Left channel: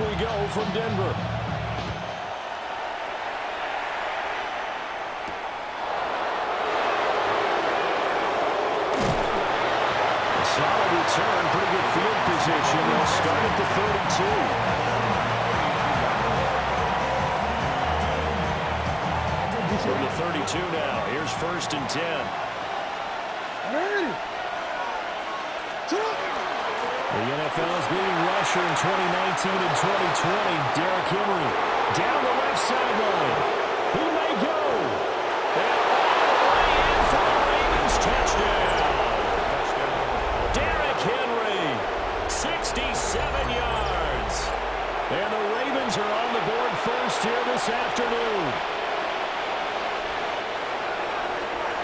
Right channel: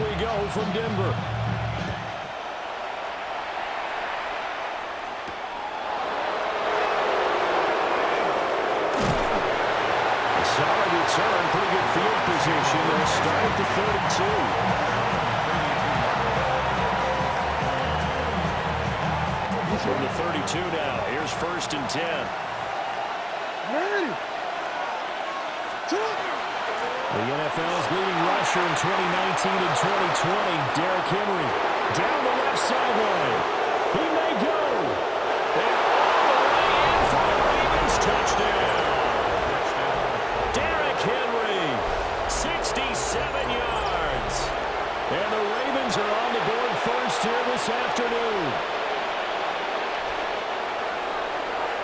we go from Denver. Solid return, pretty good field position. They'll start at the 32. From the 32 now, here's 1st and 10. The NFL's leading rusher in 2019 and 2020, Derrick Henry, down the left sideline. He may go. And all the way in for the Ravens touchdown. Derrick Henry, 67 yards. And the Ravens are on the board first here this afternoon.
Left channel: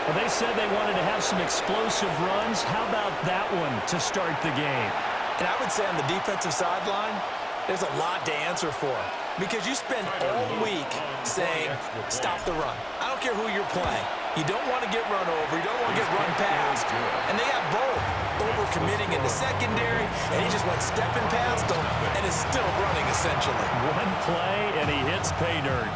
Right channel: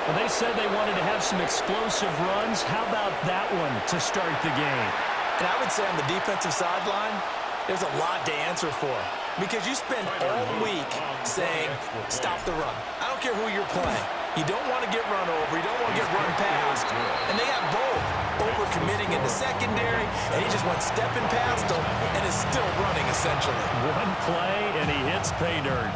Well, they said they wanted to have some explosive runs. How about that one to start the game? And I would say on the defensive sideline, there's a lot to answer for. Because you spend all week saying, stop the run. I don't care who you're playing. You don't want to get run over. You don't want to get run past. And they got both. Over-committing in the secondary, and he just went stepping past them and is still running, essentially. One play, and he hits pay dirt.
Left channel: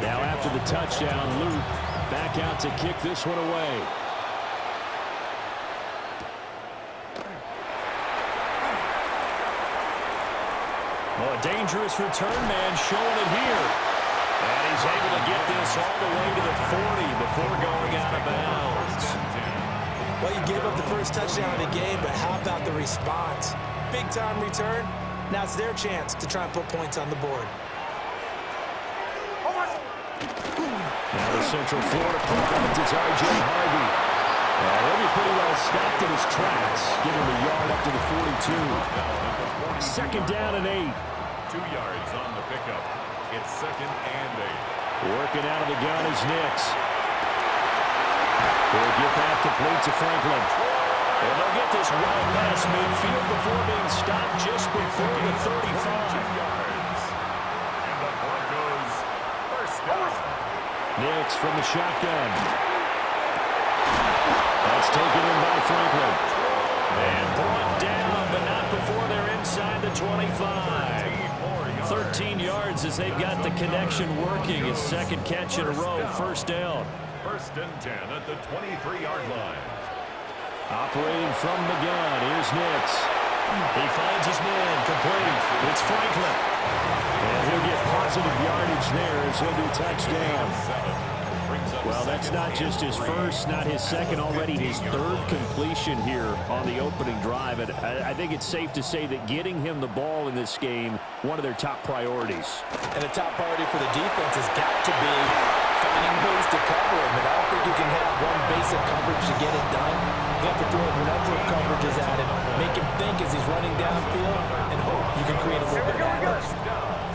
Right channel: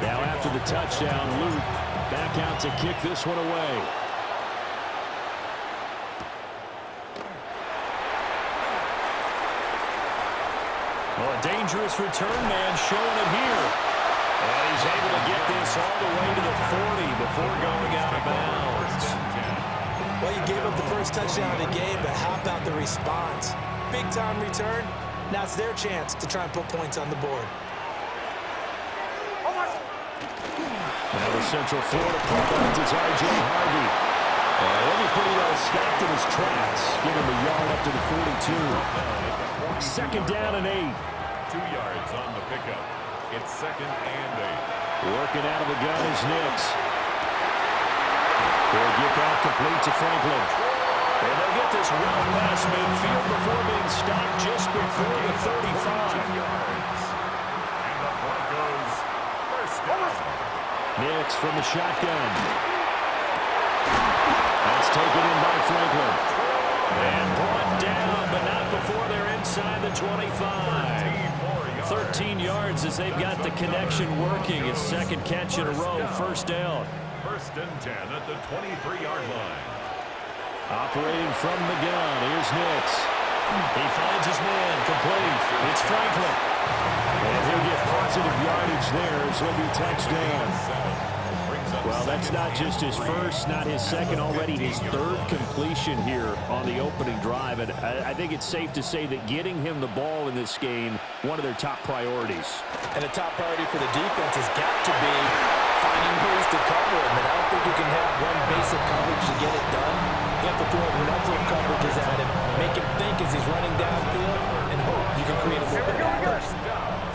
Now after the touchdown, Luke back out to kick this one away. Oh, a dangerous return man showing it here. And he's able to get this all the way to the 40 before going out of bounds. Well, you gave up the first touchdown of the game, but how about the response? Big-time return. Now it's their chance to try and put points on the board. Now the Central Florida product is R.J. Harvey. And he'll be pretty well stopped in his tracks. Give him a yard up to the 42. 2nd down and 8. 2 yards on the pickup. It's 2nd and 8. Working out of the gun is Nix. He'll get that complete to Franklin. And they'll get this well past midfield before being stopped just before the 35. Yards. And the Broncos first down. Nix from the shotgun. That's taken in by Franklin. And brought down, but not before they're inside the 25. 13 yards as they've got the connection working. His 2nd catch in a row, 1st down. 1st and 10 at the 23-yard line. Operating from the gun, here's Nix. He finds his man, complete. It's Franklin. And he'll get positive yardage there as he'll be touchdown. Well, that's not just his first, not his second, already his 3rd completion here on the opening drive. And I think it's safe to say that getting him the ball in this game, one of their top priorities. And the top priority for the defense has got to be finding ways to cover him. And I don't think you can have one basic coverage to get it done. You have to throw a number of coverages at him, make him think as he's running downfield, and hope you can create a little bit of havoc.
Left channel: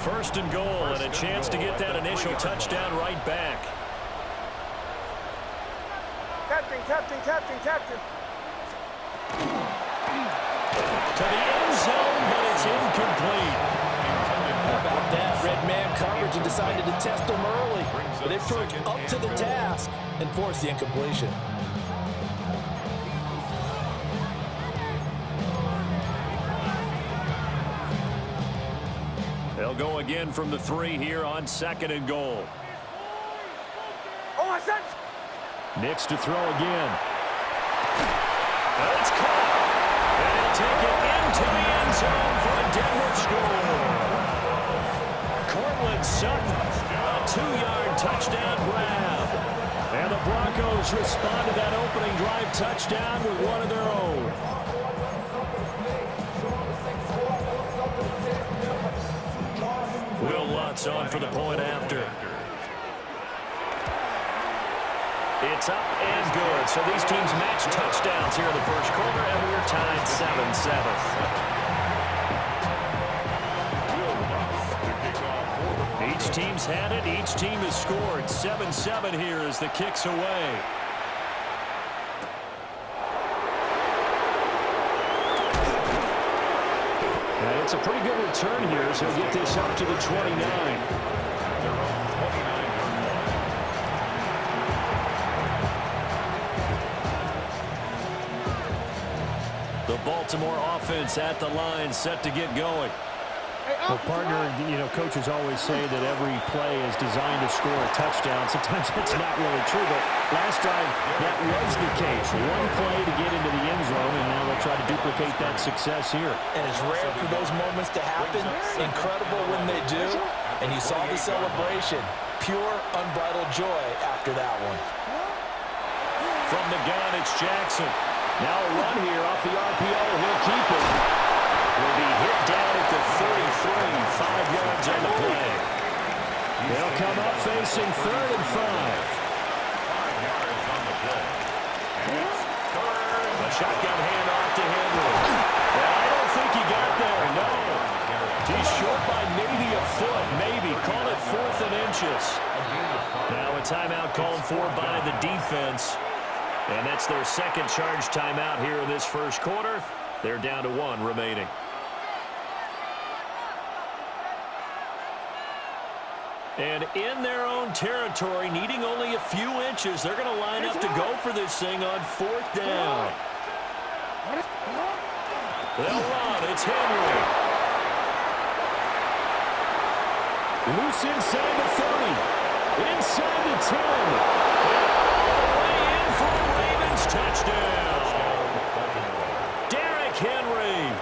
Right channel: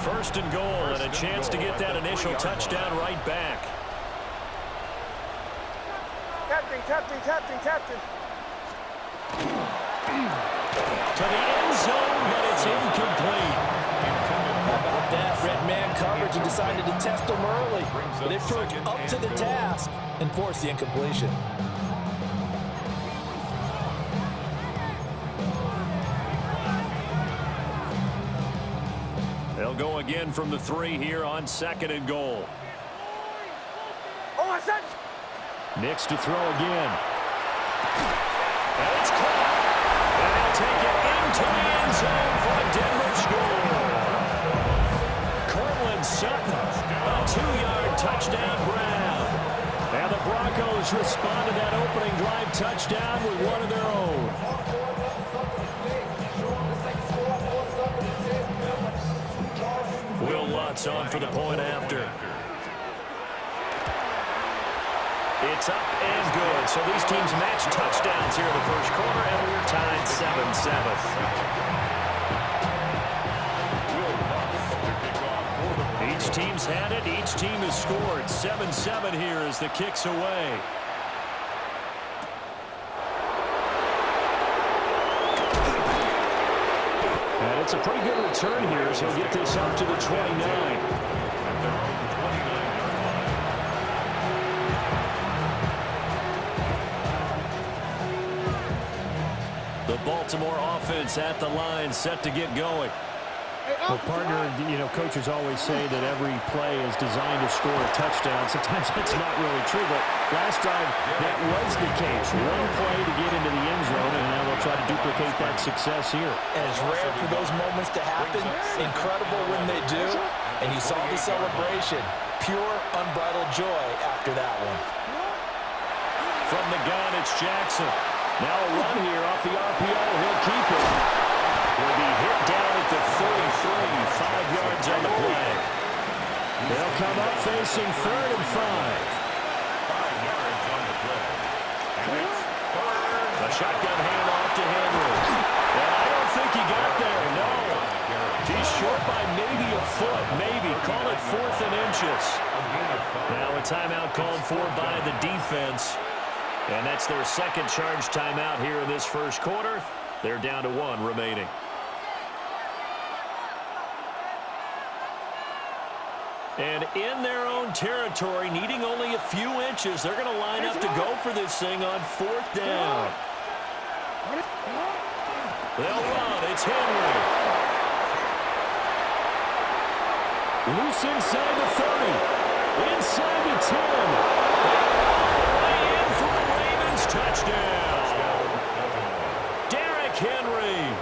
1st and goal, and a chance to get that initial touchdown right back. Captain. To the end zone, but it's incomplete. How about that? Red man coverage and decided to test him early. But they proved up to the task and forced the incompletion. They'll go again from the 3 here on 2nd and goal. Nix to throw again. And it's caught. And he'll take it into the end zone for a Denver score. Cortland Sutton, a 2-yard touchdown grab. And the Broncos respond to that opening drive touchdown with one of their own. Will Lutz on for the point after. It's up and good. So these teams match touchdowns here in the first quarter, and we're tied 7-7. Each team's had it. Each team has scored. 7-7 here as the kick's away. And it's a pretty good return here as he'll get this up to the 29. At their own 29-yard The Baltimore offense at the line, set to get going. Well, partner, coaches always say that every play is designed to score a touchdown. Sometimes that's not really true, but last drive, that was the case. One play to get into the end zone, and now they'll try to duplicate that success here. And it's rare for those moments to happen. Incredible when they do. And you saw the celebration. Pure, unbridled joy after that one. From the gun, it's Jackson. Now a run here off the RPO. He'll keep it. Will be hit down at the 33, 5 yards on the play. They'll come up facing 3rd and 5. 5 yards on the play. And it's third. A shotgun handoff to Henry. And I don't think he got there, no. He's short by maybe a foot, maybe. Call it 4th and inches. Now a timeout called for by the defense. And that's their second charge timeout here in this first quarter. They're down to 1 remaining. And in their own territory, needing only a few inches, they're going to line up to go for this thing on 4th down. They'll run. It's Henry. Loose inside the 30. Inside the 10. And all the way in for a Ravens touchdown. Derrick Henry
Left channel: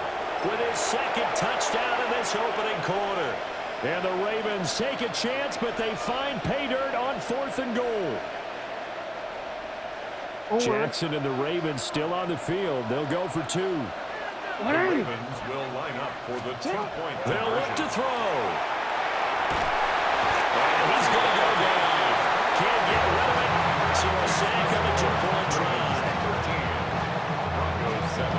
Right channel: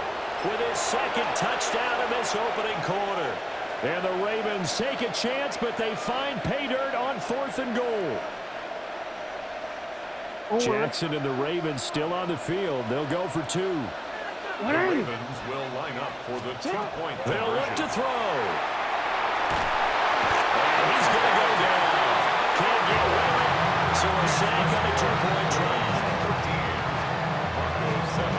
with his second touchdown in this opening quarter. And the Ravens take a chance, but they find pay dirt on 4th and goal. Jackson and the Ravens still on the field. They'll go for 2. The Ravens will line up for the 2-point They'll look to throw. And he's going to go down. Can't get rid of it. So a sack on a 2-point try. 13. Broncos 7.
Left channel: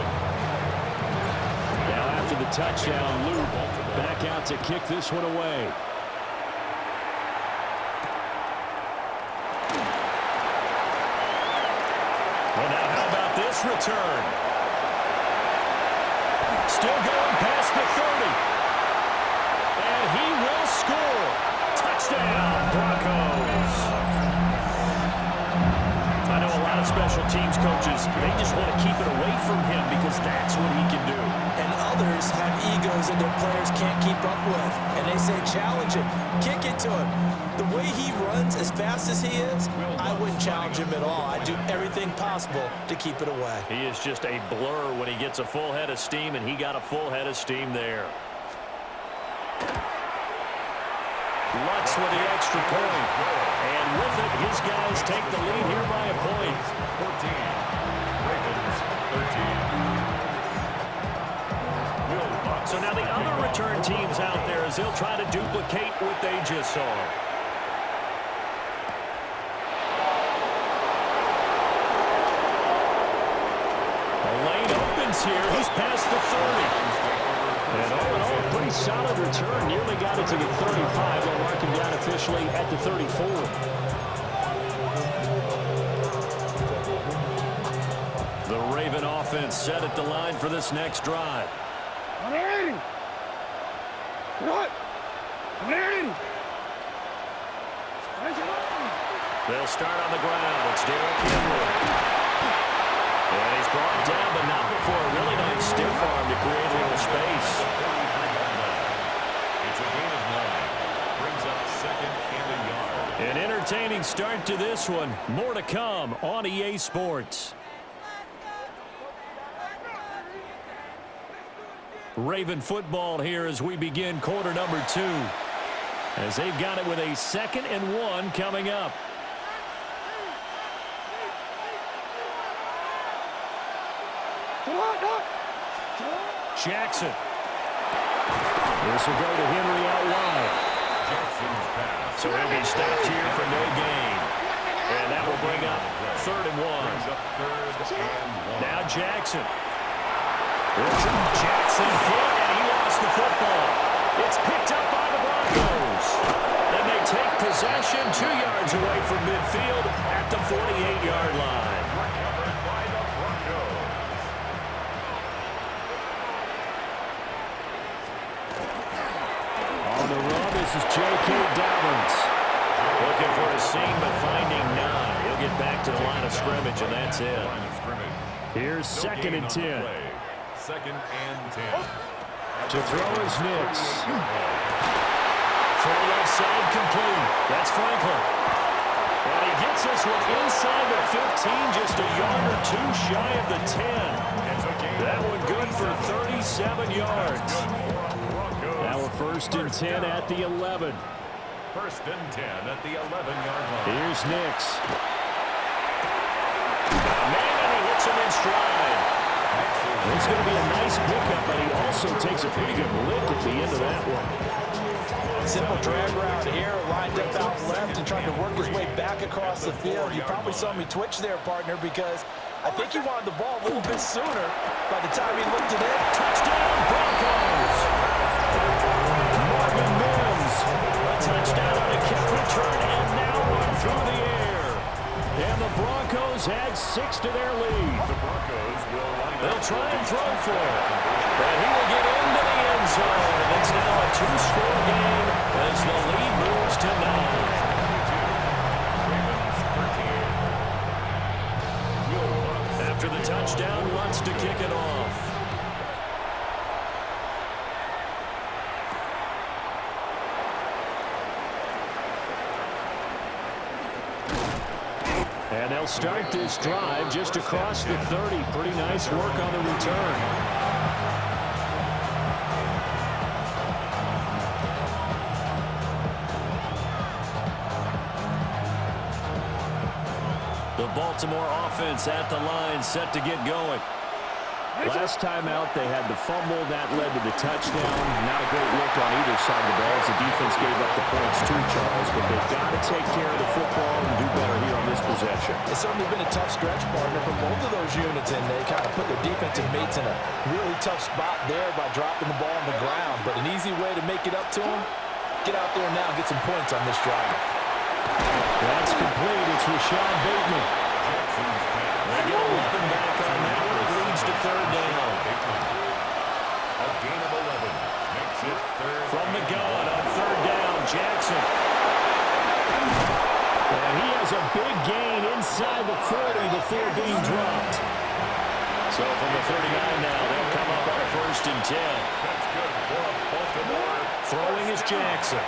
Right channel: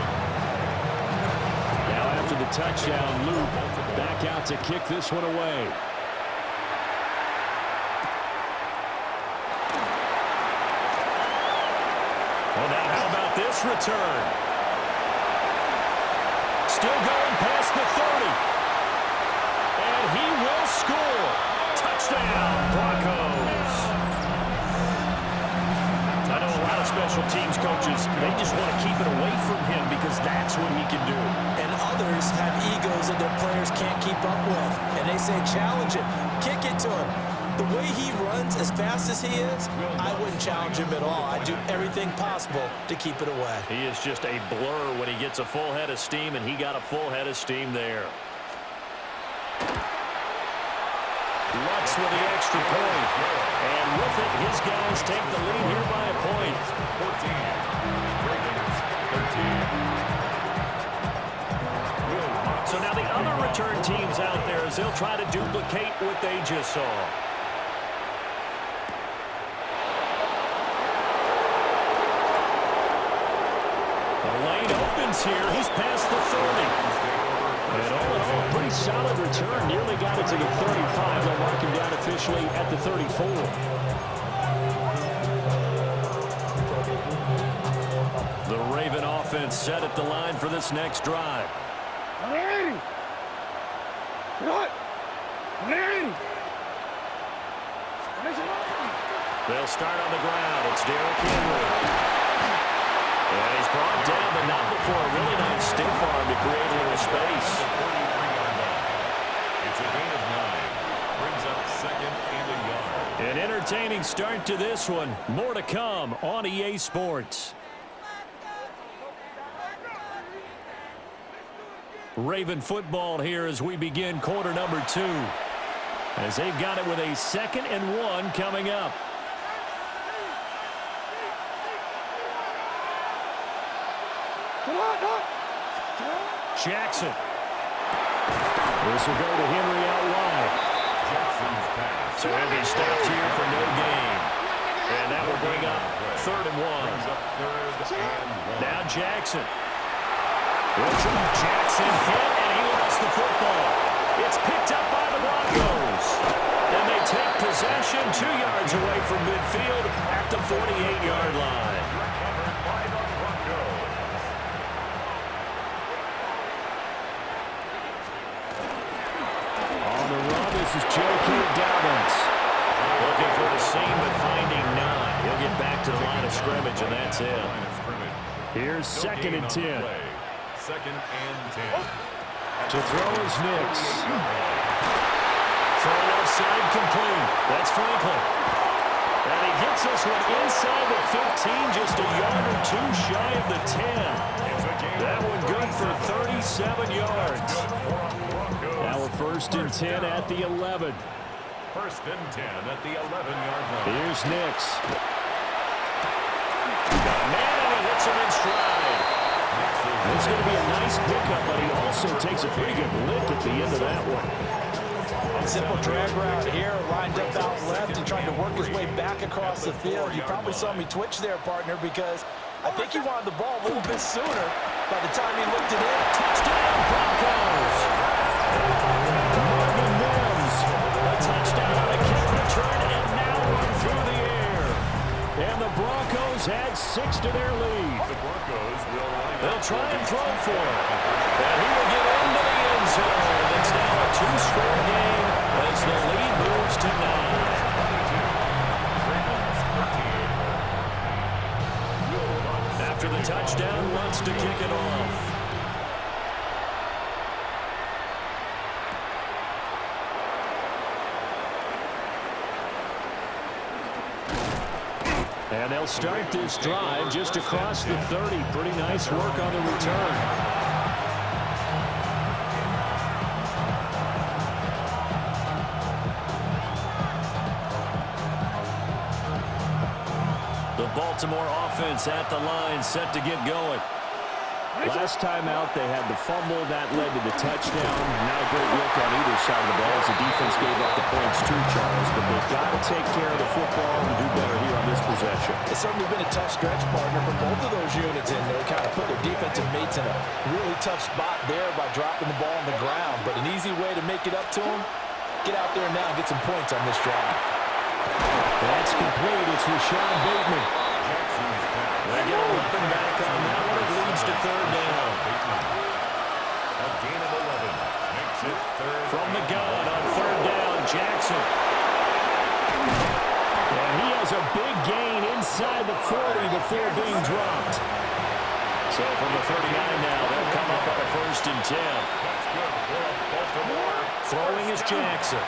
Now after the touchdown, Luke back out to kick this one away. Well, now how about this return? Still going past the 30. And he will score. Touchdown, Broncos. I know a lot of special teams coaches, they just want to keep it away from him because that's what he can do. And others have egos that their players can't keep up with. And they say, challenge him, kick it to him. The way he runs as fast as he is, I wouldn't challenge him at all. I'd do everything possible to keep it away. He is just a blur when he gets a full head of steam, and he got a full head of steam there. Lutz with the extra point. And with it, his guys take the lead here by a point. 14. Ravens 13. So now the other return teams out there as they'll try to duplicate what they just saw. The lane opens here. He's past the 30. And all in all, a pretty solid return. Nearly got it to the 35. They'll mark him down officially at the 34. The Raven offense set at the line for this next drive. They'll start on the ground. It's Derrick Henry. And he's brought down, but not before a really nice stiff arm to create a little space. It's a gain of 9. Brings up 2nd and a yard. An entertaining start to this one. More to come on EA Sports. Raven football here as we begin quarter number 2. As they've got it with a 2nd and 1 coming up. Jackson. This will go to Henry out wide. Jackson's pass. So he'll be stopped here for no gain. And that will bring up 3rd and 1. Brings up 3rd and 1. Now Jackson. Jackson hit, and he lost the football. It's picked up by the Broncos. And they take possession 2 yards away from midfield at the 48-yard line. Recovered by the Broncos. On the run, this is J.K. Dobbins. Looking for a seam, but finding none. He'll get back to the line of scrimmage, and that's it. Here's 2nd and 10. second and 10. To throw is Nix. Throw left side complete. That's Franklin. And he gets this one inside the 15, just a yard or two shy of the 10. That one good for 37 yards. Now a 1st and 10 at the 11. 1st and 10 at the 11-yard line. Here's Nix. Got a man, and he hits him in stride. It's going to be a nice pickup, but he also takes a pretty good lick at the end of that one. Simple drag route here, lined up out left and tried to work his way back across the field. You probably saw me twitch there, partner, because I think he wanted the ball a little bit sooner. By the time he looked it in, Touchdown, Broncos! Marvin Mims, a touchdown on a kick return, and now run through the air. And the Broncos add 6 to their lead. The Broncos will line up. They'll try and throw for it. And he will get into the end zone. And it's now a 2-score game as the lead moves to 9. 22, Ravens 13. After the touchdown, wants to kick it off. And they'll start this drive just across the 30. Pretty nice work on the return. The Baltimore offense at the line, set to get going. Last time out, they had the fumble. That led to the touchdown. Not a great look on either side of the ball as the defense gave up the points too, Charles. But they've got to take care of the football and do better here on this possession. It's certainly been a tough stretch, partner, for both of those units, and they kind of put their defensive mates in a really tough spot there by dropping the ball on the ground. But an easy way to make it up to them, get out there now and get some points on this drive. That's complete. It's Rashad Bateman. They get 11 back on that one. It leads to 3rd down. A gain of 11 makes it 3rd. From the gun on 3rd down, Jackson. And he has a big gain inside the 40 before being dropped. So from the 39 now, they'll come up on a 1st and 10. That's good for Baltimore. Throwing is Jackson.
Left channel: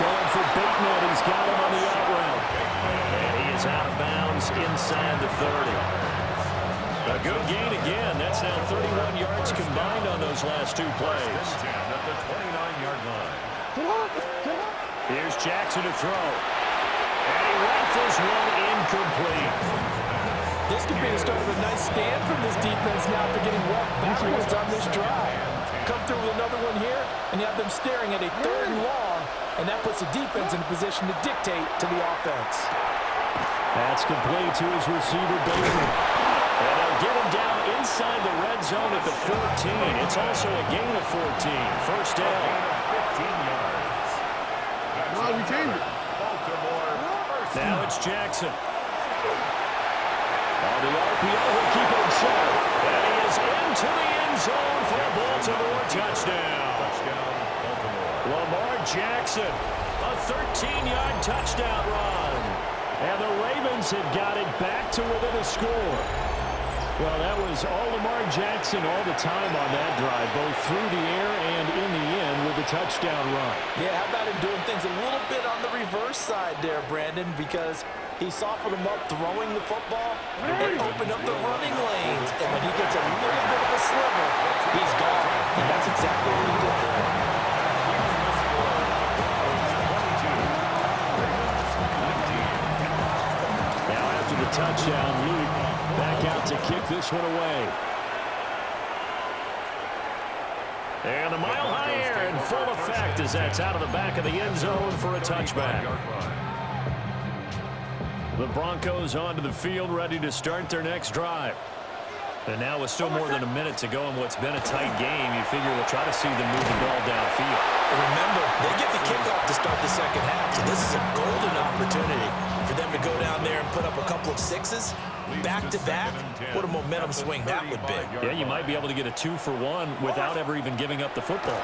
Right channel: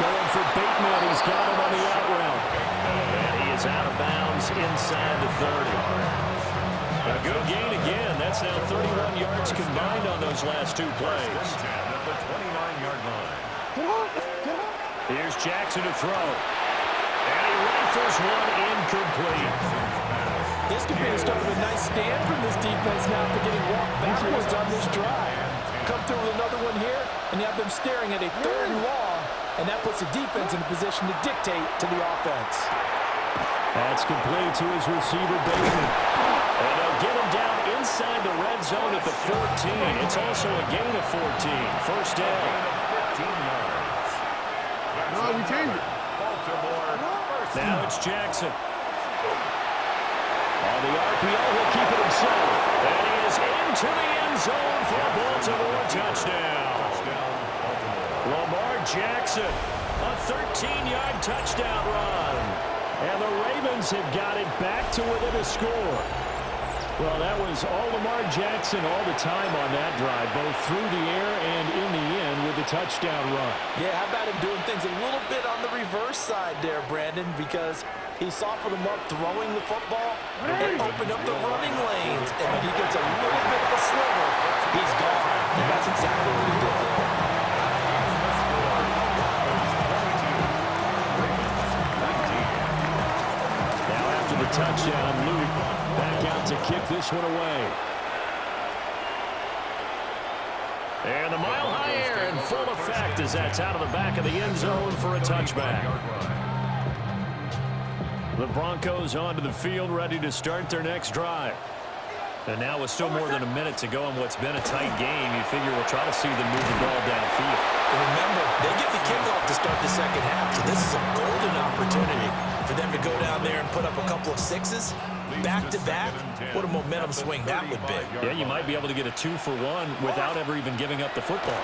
Going for Bateman. He's got him on the out route. And he is out of bounds inside the 30. A good gain again. That's now 31 yards combined on those last 2 plays. 10 at the 29-yard line. Here's Jackson to throw. And he rifles one incomplete. This could be the start of a nice stand from this defense now after getting walked backwards on this drive. Come through with another one here, and you have them staring at a 3rd and long, and that puts the defense in a position to dictate to the offense. That's complete to his receiver, Bateman. And they'll get him down inside the red zone at the 14. It's also a gain of 14. 1st down. A gain of 15 yards. No, we changed it. Baltimore. Now it's Jackson. On the RPO, he'll keep it himself. And he is into the end zone for a Baltimore touchdown. Touchdown, Baltimore. Lamar Jackson, a 13-yard touchdown run. And the Ravens have got it back to within a score. Well, that was all Lamar Jackson all the time on that drive, both through the air and in the end with a touchdown run. Yeah, how about him doing things a little bit on the reverse side there, Brandon, because he softened him up throwing the football and opened up the running lanes. And when he gets a little bit of a sliver, he's gone. And that's exactly what he did there. Now after the touchdown, Luke back out to kick this one away. And the mile-high air in full effect as that's out of the back of the end zone for a touchback. The Broncos onto the field, ready to start their next drive. And now with still more than a minute to go in what's been a tight game, you figure we'll try to see them move the ball downfield. And remember, they get the kickoff to start the second half, so this is a golden opportunity for them to go down there and put up a couple of sixes back-to-back. What a momentum swing that would be. Yeah, you might be able to get a 2-for-1 without ever even giving up the football.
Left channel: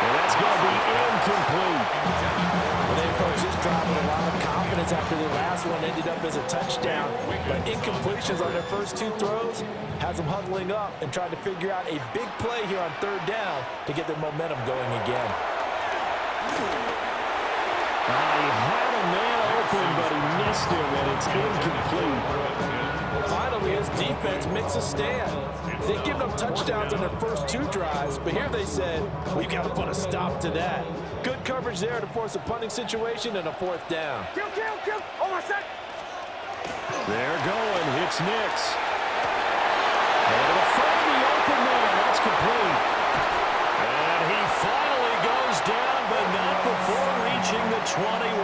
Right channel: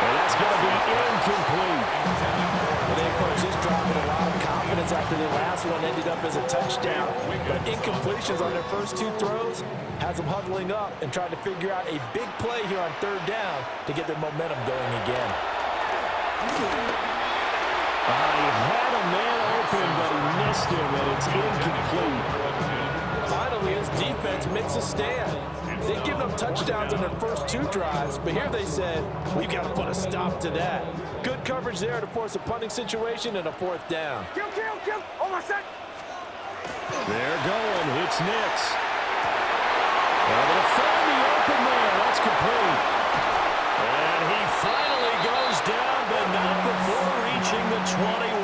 And that's going to be incomplete. Well, they approached this drive with a lot of confidence after their last one ended up as a touchdown. But incompletions on their first two throws has them huddling up and trying to figure out a big play here on third down to get their momentum going again. He had a man open, but he missed him, and it's incomplete. Finally, his defense makes a stand. They've given up touchdowns on their first two drives, but here they said, we've got to put a stop to that. Good coverage there to force a punting situation and a fourth down. They're going. It's Nix. Able to find the open man. That's complete. And he finally goes down, but not before reaching the 21.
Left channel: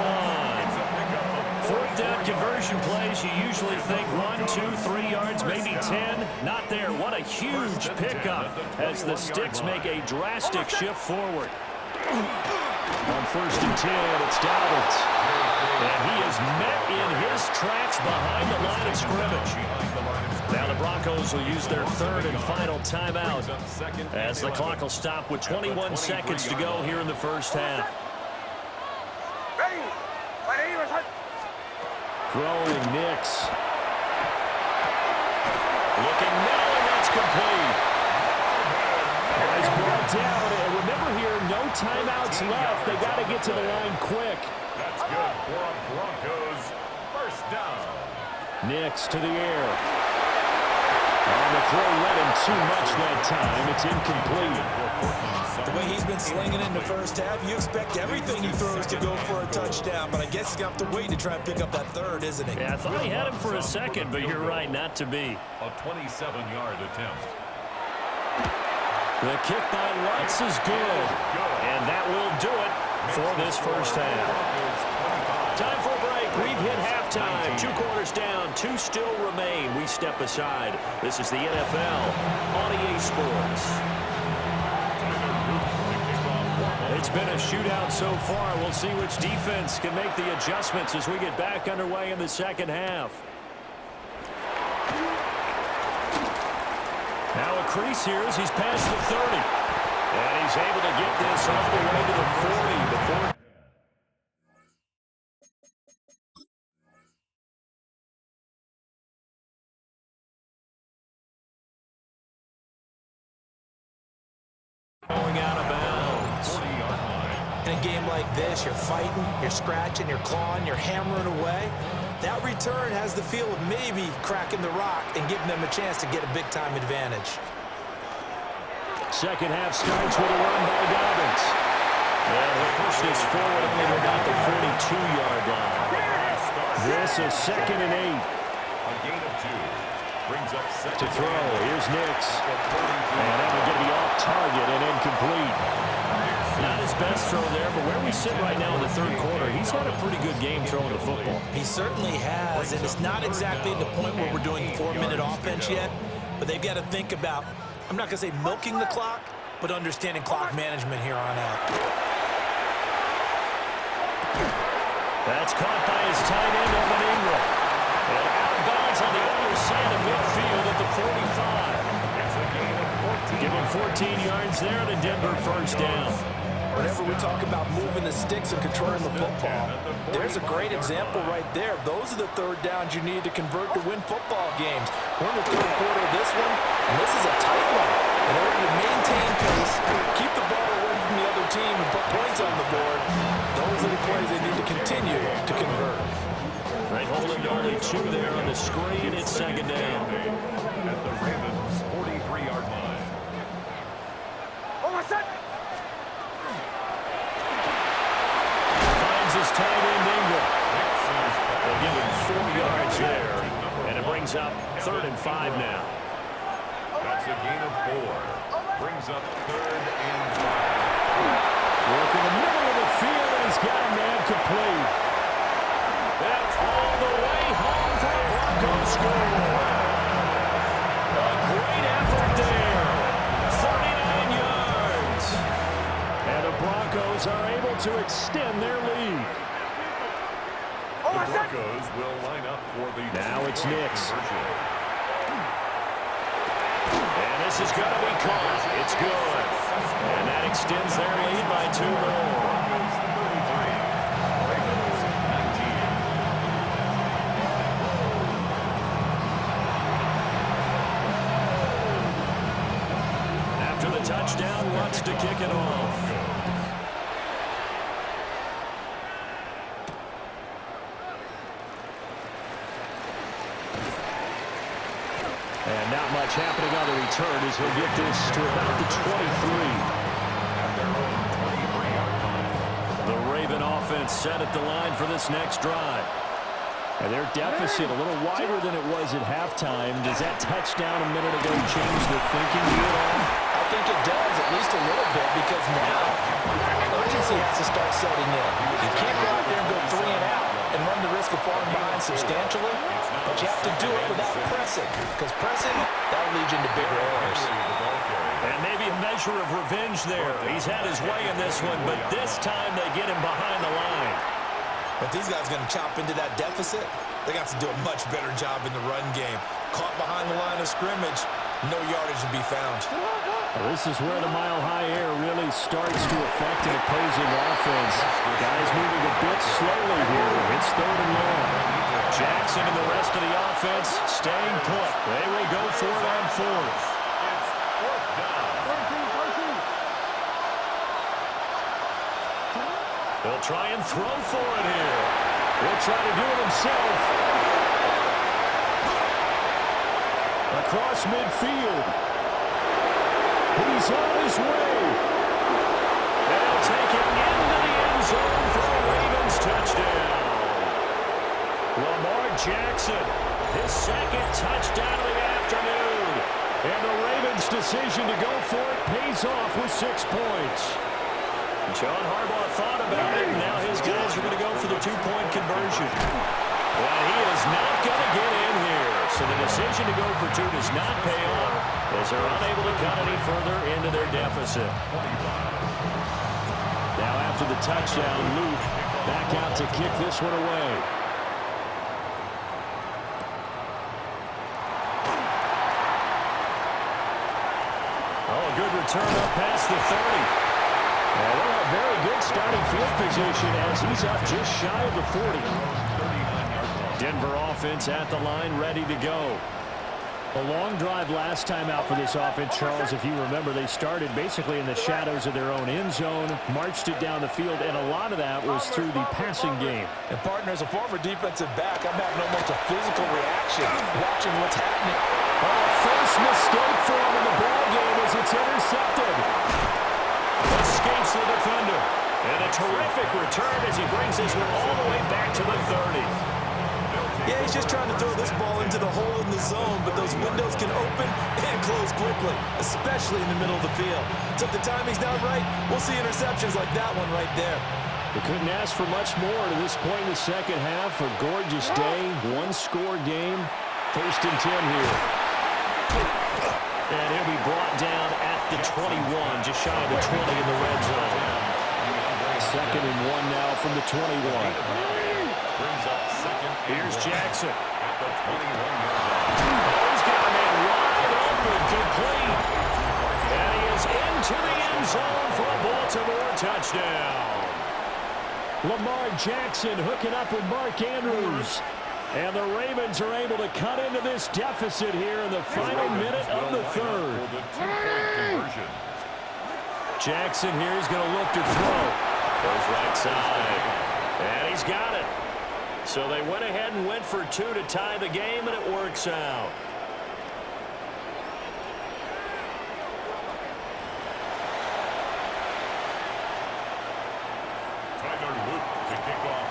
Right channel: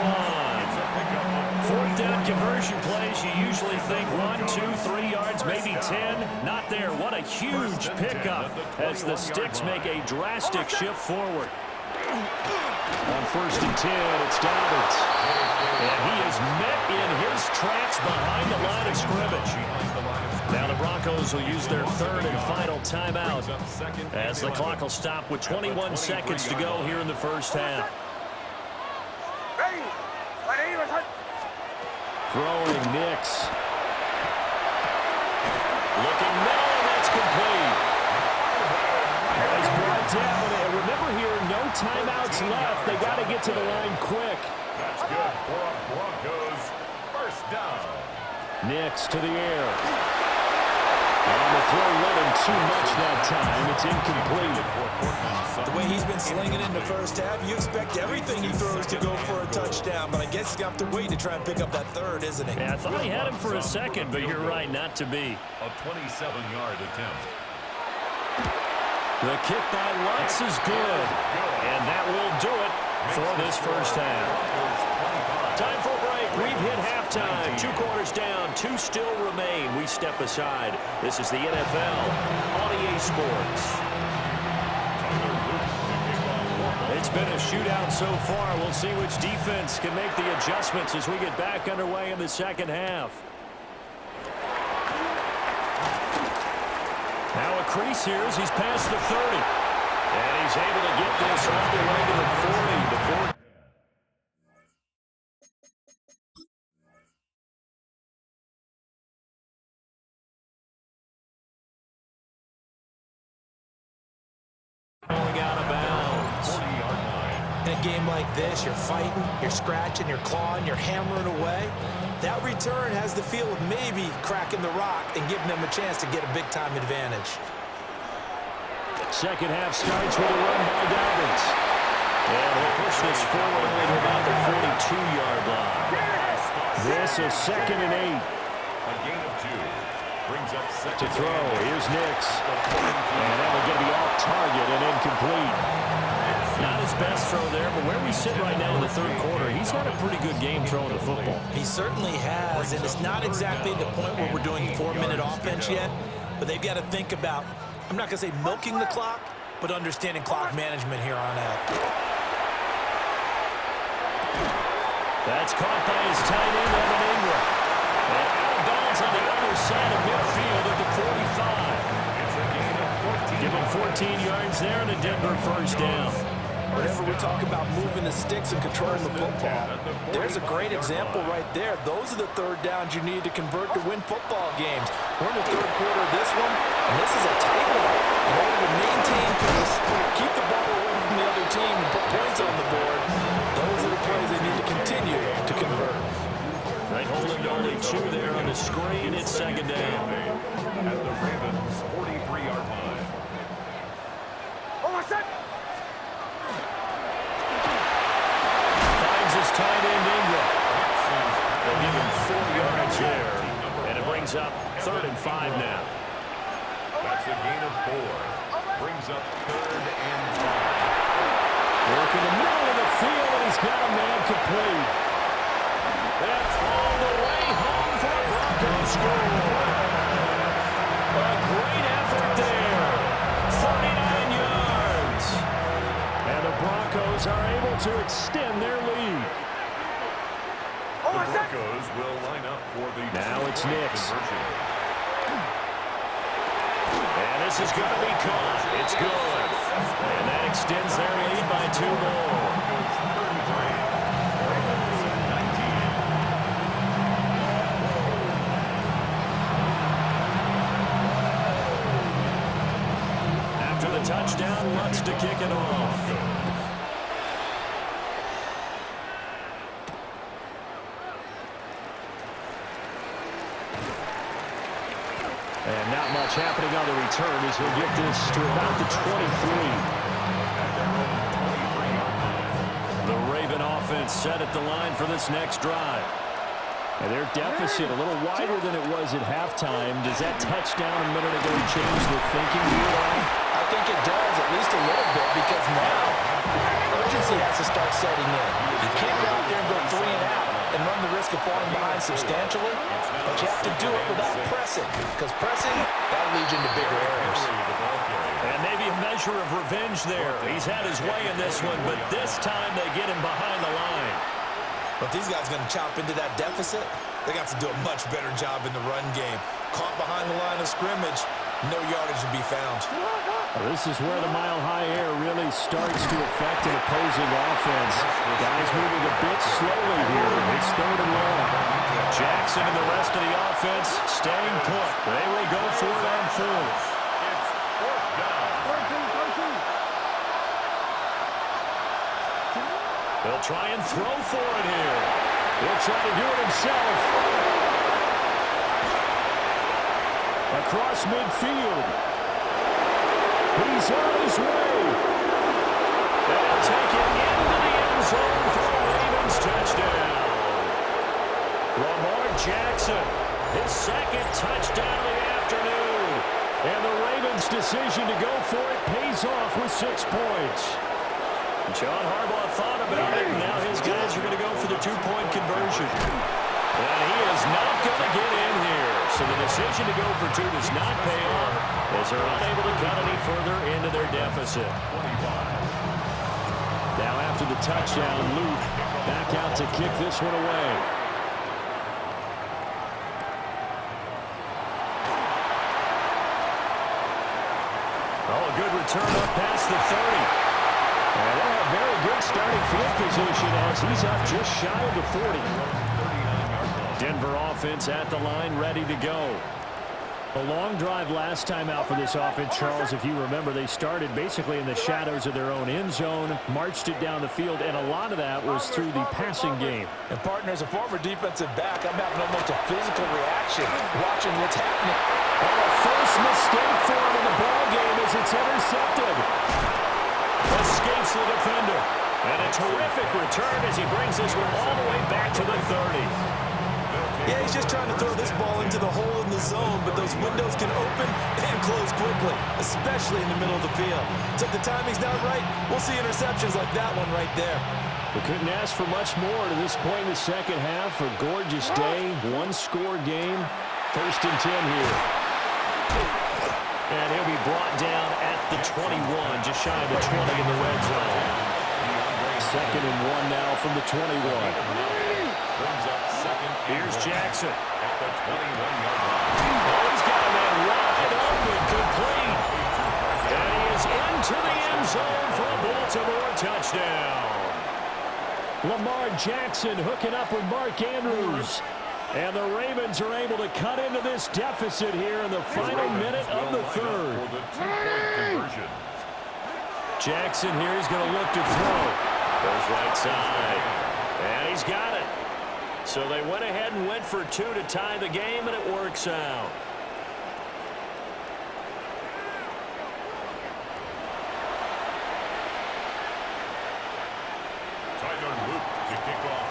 Fourth down conversion plays, you usually think 1, 2, 3 yards, maybe 10. Not there. What a huge pickup as the Sticks make a drastic shift forward. On 1st and 10, it's Dobbins. And he is met in his tracks behind the line of scrimmage. Now the Broncos will use their third and final timeout as the clock will stop with 21 seconds to go here in the first half. Throwing Nix. Looking middle, and that's complete. He's brought down, and remember here, no timeouts left. They got to get to the line quick. That's good for a Broncos first down. Nix to the air. On the throw, let him too much that time. It's incomplete. The way he's been slinging in the first half, you expect everything he throws to go for a touchdown, but I guess he's got to wait to try and pick up that third, isn't he? Yeah, I thought he had him for a second, but you're right, not to be. A 27-yard attempt. The kick by Lutz is good, and that will do it for this first half. Time for a break. We've hit halftime. 2 quarters down, 2 still remain. We step aside. This is the NFL on EA Sports. It's been a shootout so far. We'll see which defense can make the adjustments as we get back underway in the second half. Now a crease here as he's past the 30. And he's able to get this all the way to the 40. The 40. Going out of bounds. 40-yard line. In a game like this, you're fighting, you're scratching, you're clawing, you're hammering away. That return has the feel of maybe cracking the rock and giving them a chance to get a big-time advantage. Second half starts with a run by Dobbins. And he'll push this forward only to about the 42-yard line. This is 2nd and 8. A gain of 2. Brings up second To throw, here's Nix. And that will get me off target and incomplete. Not his best throw there, but where we sit right now in the third quarter, he's had a pretty good game throwing the football. He certainly has, and it's not exactly the point where we're doing 4-minute offense yet, but they've got to think about, I'm not going to say milking the clock, but understanding clock management here on out. That's caught by his tight end, Evan Ingram. And out of bounds on the other side of midfield at the 45. It's a gain of 14. Give him 14 yards there and a Denver first down. Whenever we talk about moving the sticks and controlling the football, there's a great example right there. Those are the third downs you need to convert to win football games. We're in the third quarter of this one, and this is a tight one. In order to maintain pace, keep the ball away from the other team, and put points on the board, those are the plays they need to continue to convert. They hold him to only 2 there on the screen. It's 2nd down. At the Ravens' 43-yard line. Finds his tight end, Ingram. They'll give him 4 yards there. And it brings up 3rd and 5 now. That's a gain of 4. Brings up 3rd and 5. Working the middle of the field, and he's got a man complete. That's all the way home for a Broncos score. A great effort there. 39 yards. And the Broncos are able to extend their lead. The Broncos will line up for the now it's Nix. conversion. And this is going to be caught. It's good. And that extends their lead by 2 more. Broncos 33, Ravens 19. After the touchdown, Lutz to kick it off. And not much happening on the return as he'll get this to about the 23. At their own 23-yard line. The Raven offense set at the line for this next drive. And their deficit a little wider than it was at halftime. Does that touchdown a minute ago change the thinking here at all? I think it does, at least a little bit, because now urgency has to start setting in. You can't go out there and go 3 and out and run the risk of falling behind substantially, but you have to do it without pressing, because pressing, that'll lead you into bigger errors. And maybe a measure of revenge there. He's had his way in this one, but this time they get him behind the line. But these guys are going to chop into that deficit. They got to do a much better job in the run game. Caught behind the line of scrimmage, no yardage to be found. Well, this is where the mile-high air really starts to affect an opposing offense. Guys moving a bit slowly here. It's 3rd and long. Jackson and the rest of the offense staying put. They will go for it on 4th. It's 4th down. He'll try and throw for it here. He'll try to do it himself. Across midfield. He's on his way. And he'll take it into the end zone for a Ravens touchdown. Lamar Jackson, his 2nd touchdown of the afternoon. And the Ravens' decision to go for it pays off with 6 points. John Harbaugh thought about it, and now his guys are going to go for the 2-point conversion. And he is not going to get in here. So the decision to go for 2 does not pay off as they're unable to cut any further into their deficit. 25. Now after the touchdown, Luke back out to kick this one away. Oh, a good return up past the 30. And they'll have very good starting field position as he's up just shy of the 40. Denver offense at the line, ready to go. A long drive last time out for this offense, Charles. If you remember, they started basically in the shadows of their own end zone, marched it down the field, and a lot of that was through the passing game. And, partner, as a former defensive back, I'm having almost a physical reaction watching what's happening. Oh, a first mistake for him in the ball game as it's intercepted. Escapes the defender. And a terrific return as he brings this one all the way back to the 30. Yeah, he's just trying to throw this ball into the hole in the zone, but those windows can open and close quickly, especially in the middle of the field. So if the timing's not right, we'll see interceptions like that one right there. We couldn't ask for much more to this point in the second half. A gorgeous day, 1-score game. 1st and 10 here. And he'll be brought down at the 21, just shy of the 20 in the red zone. 2nd and 1 now from the 21. Brings up 2nd. Here's Jackson. At the 21-yard line. Oh, he's got a man wide open, complete. And he is into the end zone for a Baltimore touchdown. Lamar Jackson hooking up with Mark Andrews. And the Ravens are able to cut into this deficit here in the final minute of the 3rd. For the 2-point conversion. Jackson here is going to look to throw. Goes right side. And he's got it. So they went ahead and went for 2 to tie the game, and it works out.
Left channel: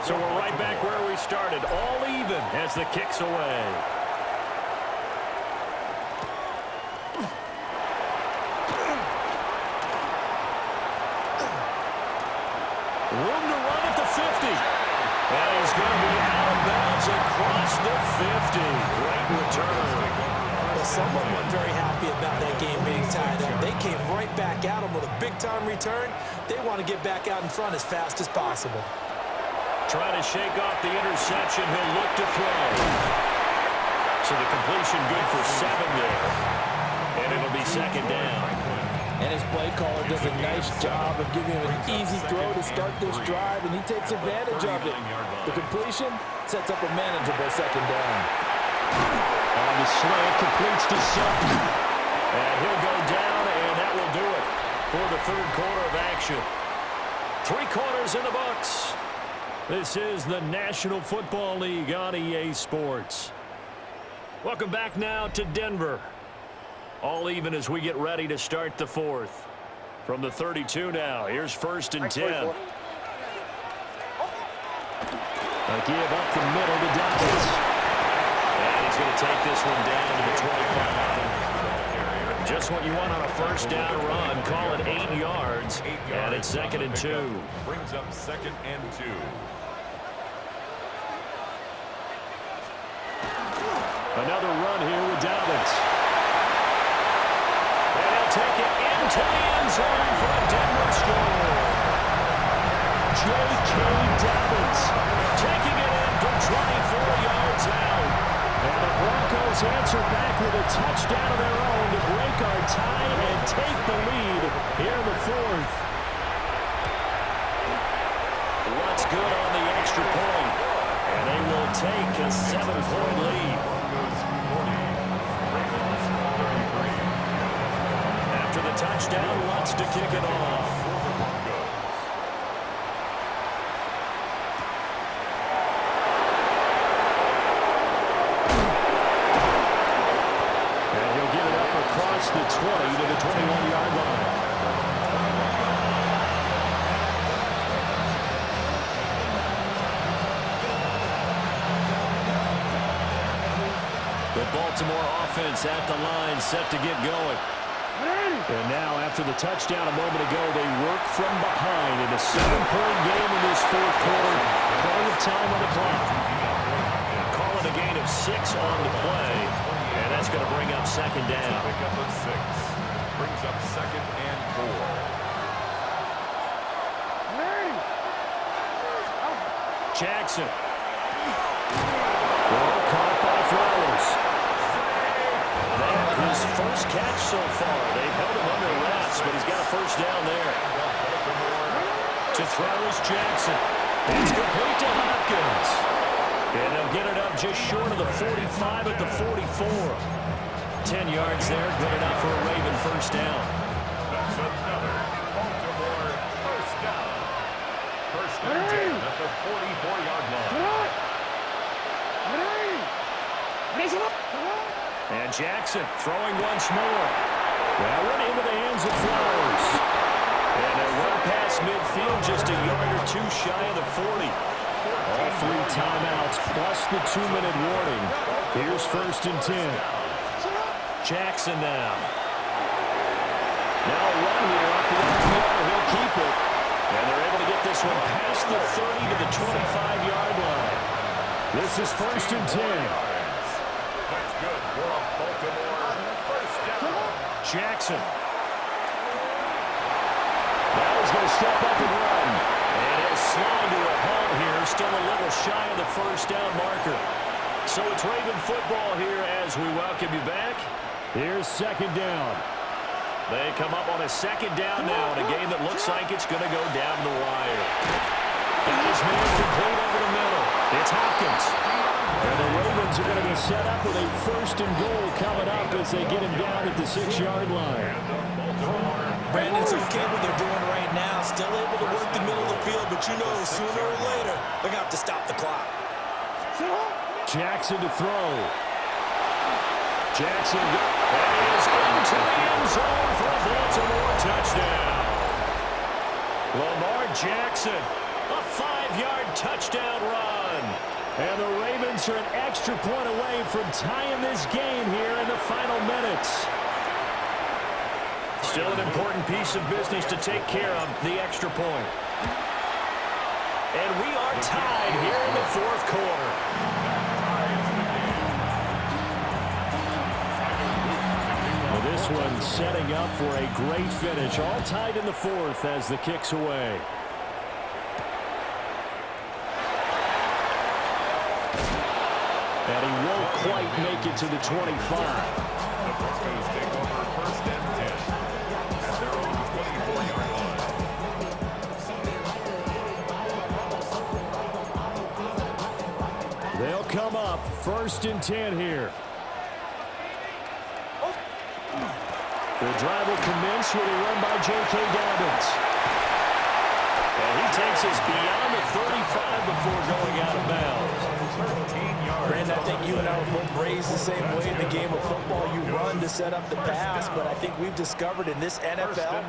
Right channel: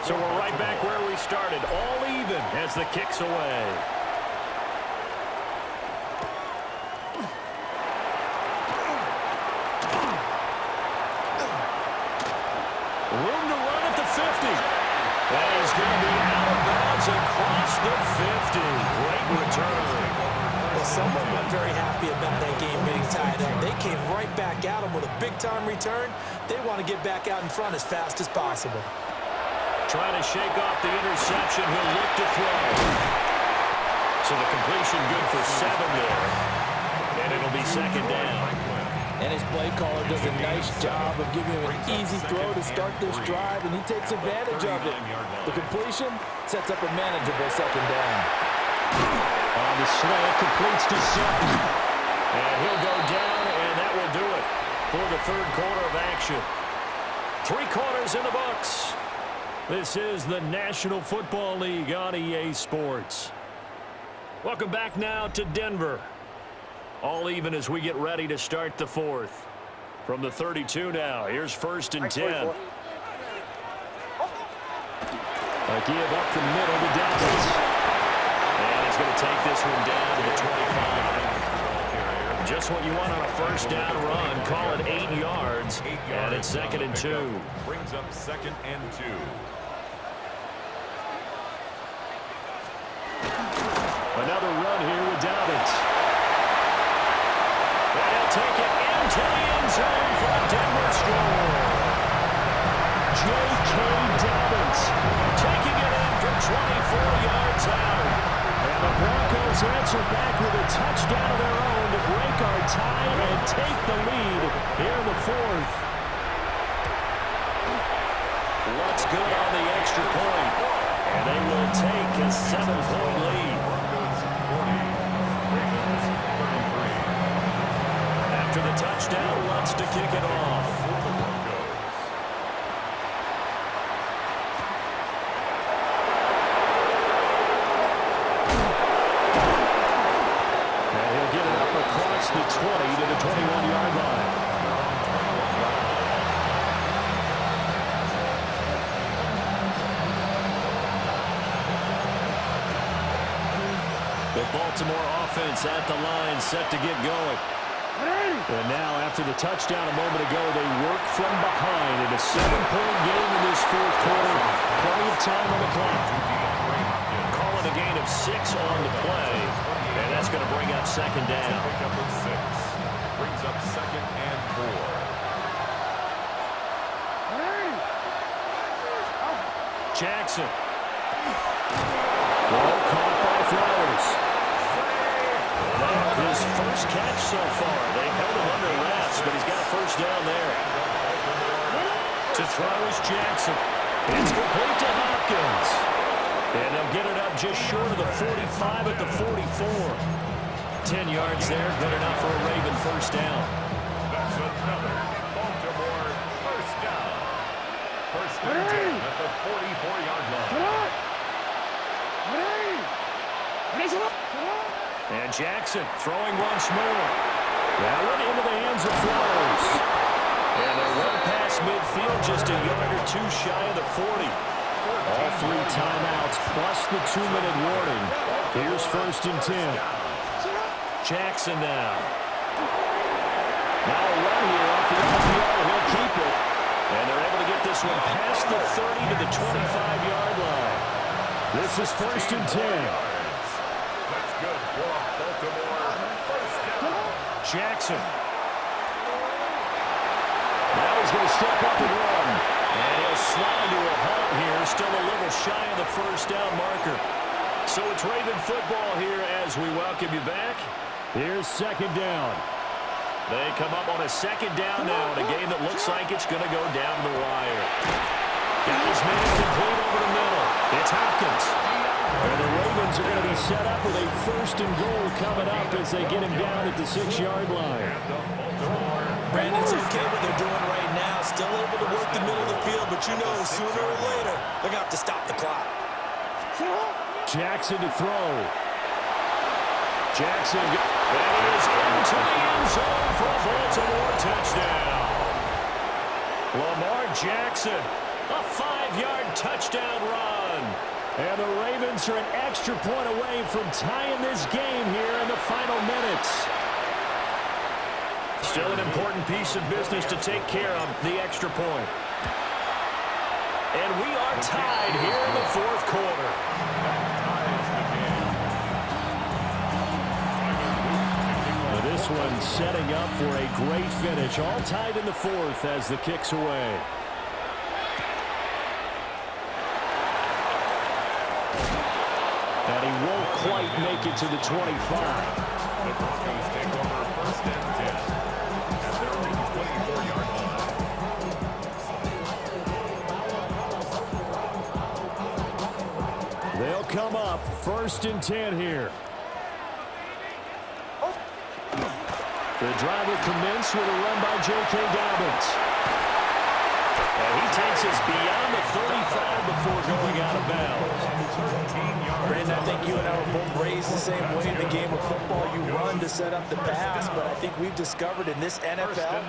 So we're right back where we started, all even as the kick's away. Room to run at the 50. And he's going to be out of bounds across the 50. Great return. Well, someone wasn't very happy about that game being tied up. They came right back at him with a big-time return. They want to get back out in front as fast as possible. Trying to shake off the interception. He'll look to throw. So the completion good for 7 there. And it'll be second down. And his play caller does a nice job of giving him an easy throw to start this drive, and he takes advantage of it. The completion sets up a manageable second down. On the slant, completes to Sutton. And he'll go down, and that will do it for the third quarter of action. 3 quarters in the books. This is the National Football League on EA Sports. Welcome back now to Denver. All even as we get ready to start the fourth. From the 32 now, here's 1st and 10. A give up the middle to Dobbins. And he's going to take this one down to the 25. Just what you want on a first down run. Call it 8 yards. And it's 2nd and 2. Brings up 2nd and 2. Another run here with Dobbins. And he'll take it into the end zone for a Denver score. J.K. Dobbins taking it in from 24 yards out. And the Broncos answer back with a touchdown of their own to break our tie and take the lead here in the fourth. What's good on the extra point? And they will take a 7-point lead. Broncos 40, Ravens 33. After the touchdown, Lutz to kick it off. For the Broncos. And he'll get it up across the 20 to the 21-yard line. The Baltimore offense at the line, set to get going. And now, after the touchdown a moment ago, they work from behind in a 7-point game in this fourth quarter. Plenty of time on the clock. Call it a gain of 6 on the play, and that's going to bring up 2nd down. Pick up a 6. Brings up 2nd and 4. Jackson. Throw caught by Flowers. That his first catch so far. They've held him under wraps, but he's got a first down there. To throw is Jackson. It's complete to Hopkins. And they'll get it up just short of the 45 at the 44. 10 yards there, good enough for a Raven first down. That's another Baltimore first down. First and 10 at the 44-yard line. And Jackson throwing once more. That one into the hands of Flowers. And they're well past midfield, just a yard or 2 shy of the 40. All 3 timeouts plus the 2-minute warning. Here's 1st and 10. Jackson now. Now a run here off the RPO. He'll keep it. And they're able to get this one past the 30 to the 25-yard line. This is 1st and 10. That's good for a Baltimore first down. Jackson. Now he's going to step up and run. And he'll slide to a halt here, still a little shy of the first down marker. So it's Raven football here as we welcome you back. Here's 2nd down. They come up on a 2nd down now in a game that looks like it's going to go down the wire. Got his man complete over the middle. It's Hopkins. And the Ravens are going to be set up with a 1st and goal coming up as they get him down at the 6-yard line. Brandon's okay what they're doing right now. Still able to work the middle of the field, but you know sooner or later they're going to have to stop the clock. Jackson to throw. Jackson, that is into the end zone for a Baltimore touchdown. Lamar Jackson, a 5-yard touchdown run. And the Ravens are an extra point away from tying this game here in the final minutes. Still an important piece of business to take care of, the extra point. And we are tied here in the fourth quarter. Well, this one setting up for a great finish. All tied in the fourth as the kick's away. And he won't quite make it to the 25. The Broncos take over 1st and 10 at their own 24-yard line. They'll come up 1st and 10 here. The drive will commence with a run by J.K. Dobbins. And he takes us beyond the 35 before going out of bounds. 13 yards. Brandon, I think you and I were both raised the same way in the game of football. You run to set up the pass, but I think we've discovered in this NFL,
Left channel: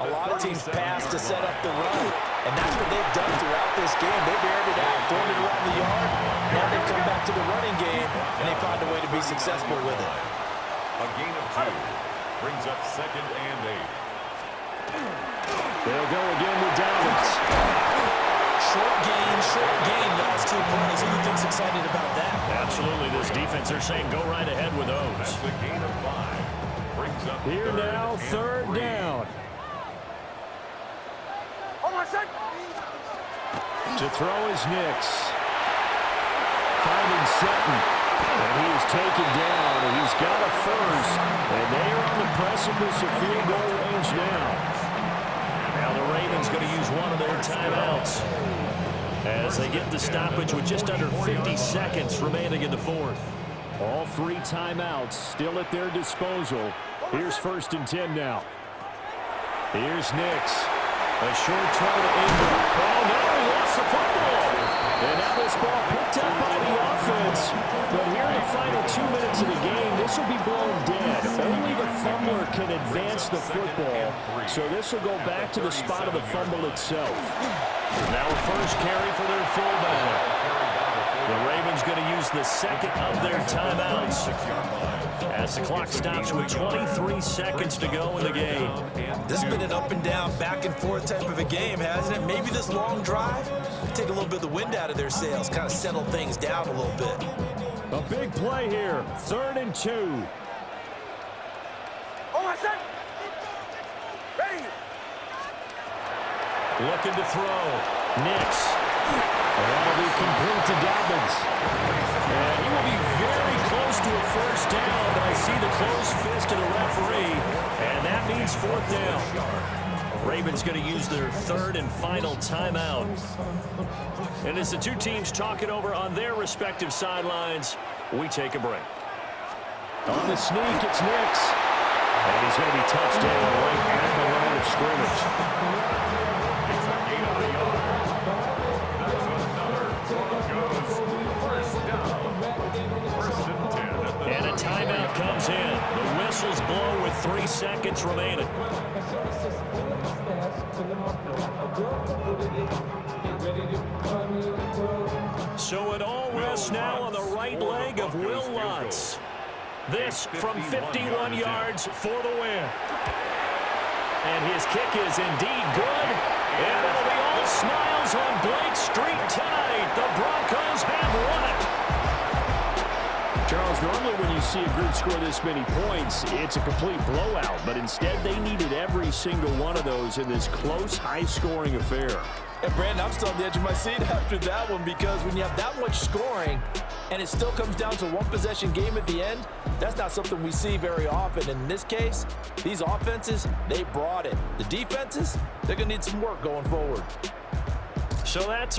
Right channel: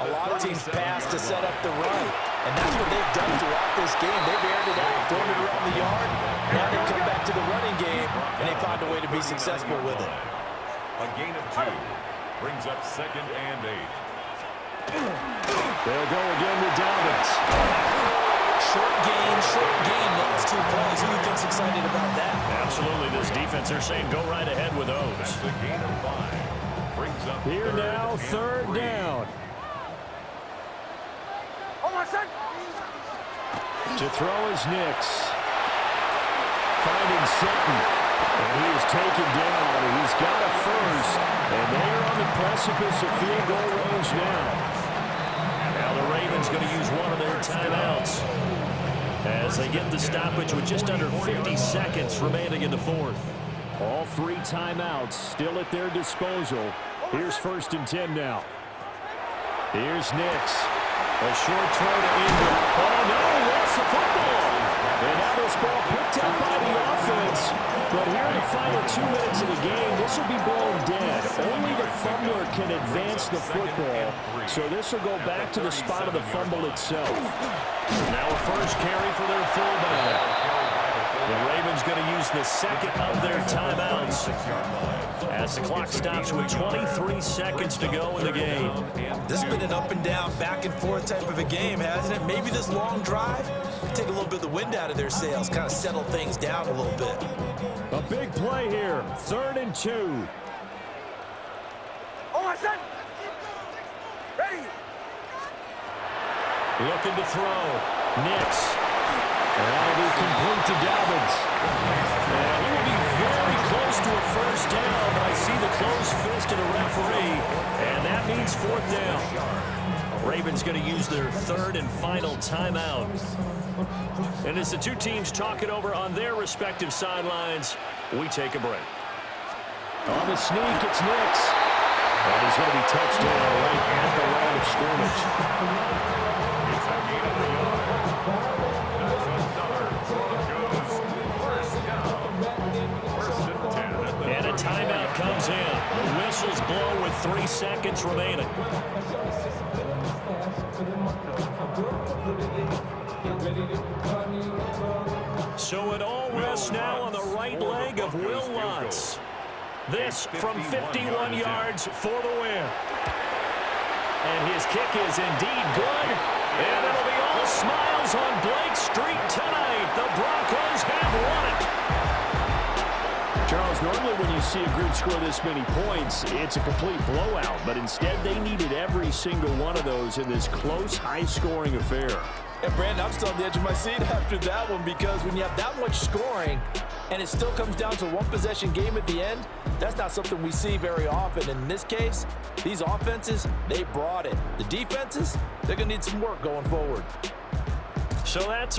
a lot of teams pass to set up the run. And that's what they've done throughout this game. They've aired it out, thrown it around the yard. Now they've come back to the running game, and they find a way to be successful with it. A gain of 2 brings up 2nd and 8. They'll go again with Dobbins. Short gain, last 2 plays. Who do you think's excited about that? Absolutely. This defense, they're saying go right ahead with those. That's a gain of 5. Brings up Here now, 3rd down. To throw is Nix. Finding Sutton. And he is taken down, and he's got a first. And they are on the precipice of field goal range now. Now the Ravens going to use one of their timeouts as they get the stoppage with just under 50 seconds remaining in the 4th. All 3 timeouts still at their disposal. Here's 1st and 10 now. Here's Nix. A short throw to Ingram. Oh, no, he lost the football. And now this ball picked up by the offense. But here in the final 2 minutes of the game, this will be blown dead. Only the fumbler can advance the football. So this will go back to the spot of the fumble itself. Now a first carry for their fullback. The Ravens going to use the 2nd of their timeouts as the clock stops with 23 seconds to go in the game. This has been an up and down, back and forth type of a game, hasn't it? Maybe this long drive take a little bit of the wind out of their sails, kind of settle things down a little bit. A big play here, 3rd and 2. Ready. Looking to throw. Nix. And that'll be complete to Dobbins. And he will be very close to a first down, but I see the closed fist of the referee, and that means 4th down. Ravens going to use their 3rd and final timeout. And as the 2 teams talk it over on their respective sidelines, we take a break. On the sneak, it's Nix. And he's going to be touched down right at the line of scrimmage. It's a gain of a yard. That's another Broncos 1st down. 1st and 10 at the And a timeout comes in. The whistles blow with 3 seconds remaining. So it all rests now on the right leg of Will Lutz. This from 51 yards for the win. And his kick is indeed good. And it'll be all smiles on Blake Street tonight. The Broncos have won it. Charles, normally when you see a group score this many points, it's a complete blowout. But instead, they needed every single one of those in this close, high-scoring affair. And Brandon, I'm still on the edge of my seat after that one, because when you have that much scoring and it still comes down to one possession game at the end, that's not something we see very often. In this case, these offenses, they brought it. The defenses, they're going to need some work going forward. So that's